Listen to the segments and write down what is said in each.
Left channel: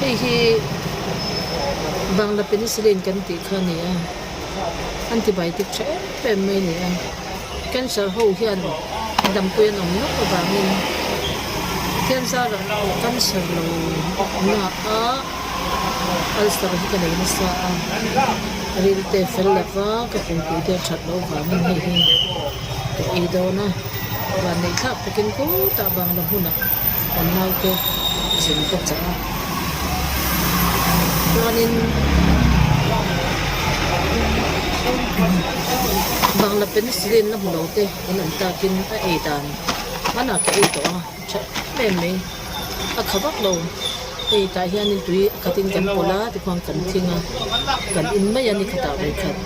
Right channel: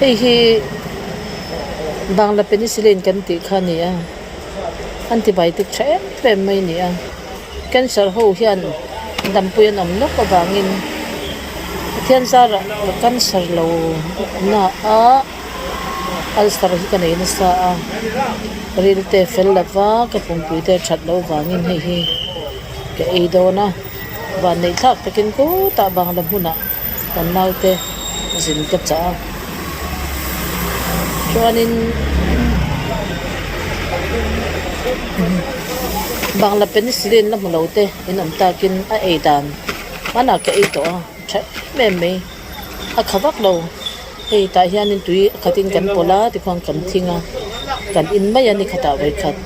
hi bangla penicillin kan ti khania antibiotic the mai ni a cancer ho hian dampuin omno ka bangin cancer cancer lo na a alstar hi kan ina sa a rilte fellava ka pungpui te that lo wangin hi ke eidona wa nei thak takin ko ta bangla huna kan naute zin ka cha chuanin bangla penicillin la mulote inom takin a eidan mana ke eito a me a khawak lo ei ta hianin tui khatin kan pola ti khong kan thinga kan in mai ani khata wei khat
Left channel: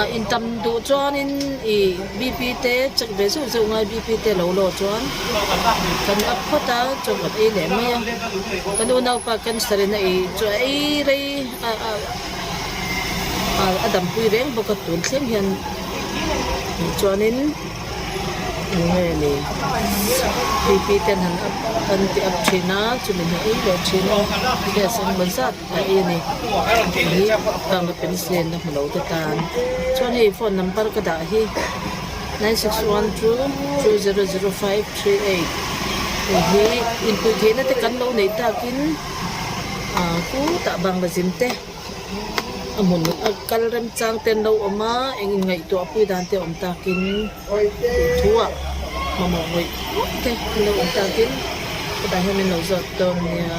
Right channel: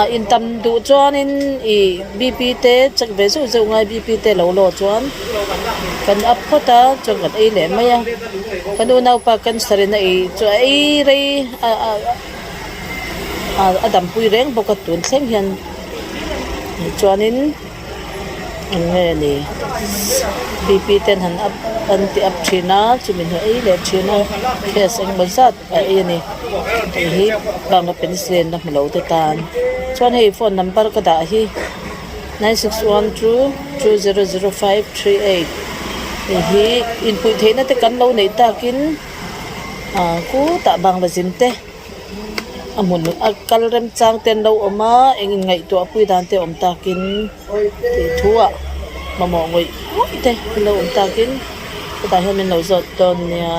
a in tam du chuanin i bp te chak ve su zo ngai bp te lo chuan kan ap khota chong kan ei le mai a kan u nau pa kan sarina ei chu ei rei adam pui reng boka tun thleng hian chuanin nge ni bp ten han up anti up thina chumin ei le thina face ang bazat ei ni hi bangla penicillin na mlo te tan chuan hei phone number ka da hi 9612200538 hi input theina te kan lo nei takin ku ta bangla jimte amun kalrem chang ten lo oma engin ngai to apui dan te om takin thua mamo ngoi te lo om takin ta hian min lo zot ton ya